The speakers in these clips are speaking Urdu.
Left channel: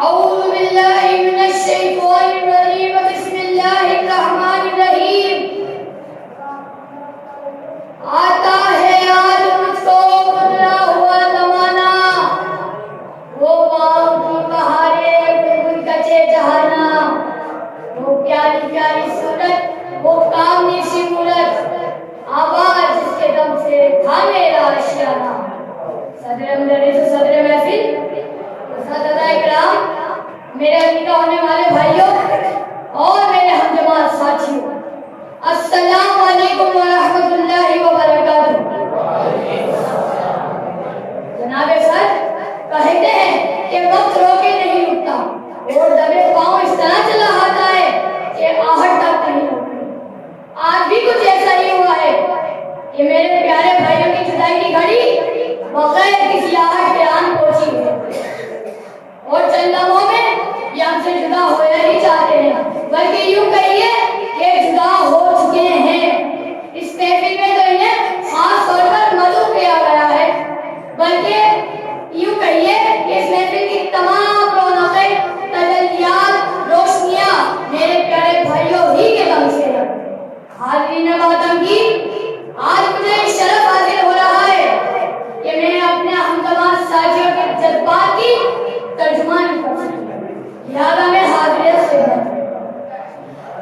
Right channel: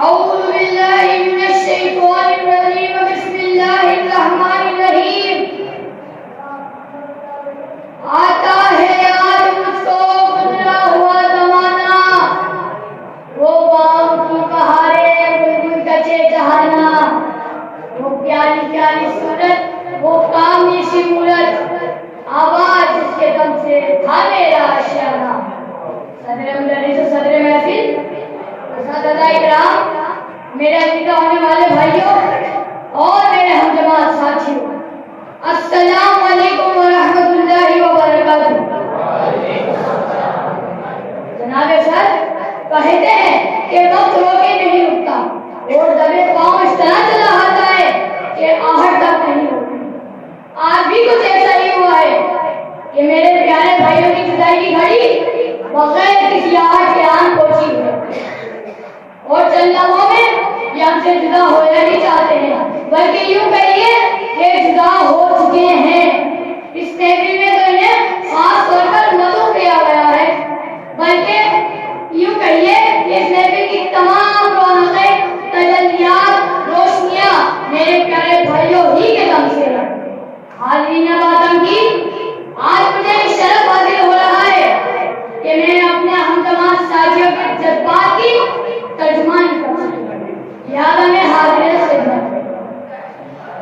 أعوذ بالله من الشيطان الرجيم بسم الله الرحمن الرحيم آتا ہے یاد مجھ کو گزرا ہوا زمانہ وہ باغ کی بہاریں بلبل کچے جہانا وہ پیاری پیاری صورت وہ کاملی سی مورت آواز جس کے دم سے تھا میرا اشارہ صدر مدرس و صدر محفل اساتذہ اکرام میرے عزیزہ ہونے والے بھائیوں اور میرے ہم جماعت ساتھیوں السلام علیکم ورحمۃ اللہ وبرکاتہ۔ جناب سر کہتے ہیں کہ وقت روکے نہیں رکتا اور دبے پاؤں اس طرح چلا آتا ہے کہ آہٹ تک نہیں ہوتی۔ آج بھی کچھ ایسا ہی ہوا ہے کہ میرے پیارے بھائیوں کی جدائی کی گھڑی بغیر کسی آہٹ کے آن پہنچی ہوئی اور چند لمحوں میں یہ ہم سے جدا ہونا نہیں چاہتے ہیں بلکہ یوں کہیے کہ جدا ہو چکے ہیں۔ اس محفل میں تو انہیں خاص طور پر مدعو کیا گیا ہے بلکہ یوں کہیے کہ اس محفل کی تمام رونقیں تجلیات روشنیاں میرے پیارے بھائیوں ہی کے دم سے ہیں۔ حاضرین ماتم کی آج مجھے شرف حاصل ہو رہا ہے کہ میں اپنے ہم جماعت ساتھیوں کے جذبات کی ترجمانی کر سکوں، لہٰذا میں حاضر خدمت ہوں۔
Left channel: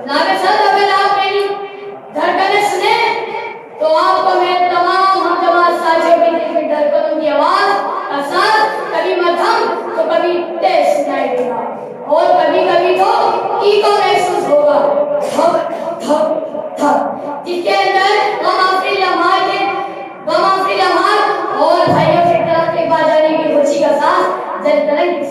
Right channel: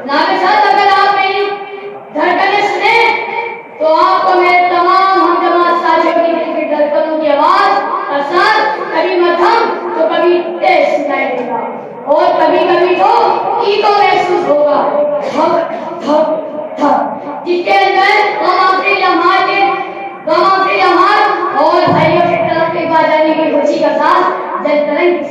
جناب صاحب اگر آپ میری دھڑکنیں سنیں تو آپ کو میرے تمام ہم جماعت ساتھیوں کی دل کی دھڑکنوں کی آواز کا ساتھ کبھی مدھم تو کبھی تیز سنائی دے گا اور کبھی کبھی تو ایکو محسوس ہوگا، دھک دھک دھک، جس کے اندر غم آفری لمحات اور بھائیوں کی طرف کے پاس جانے کی خوشی کا ساتھ جل تلنگ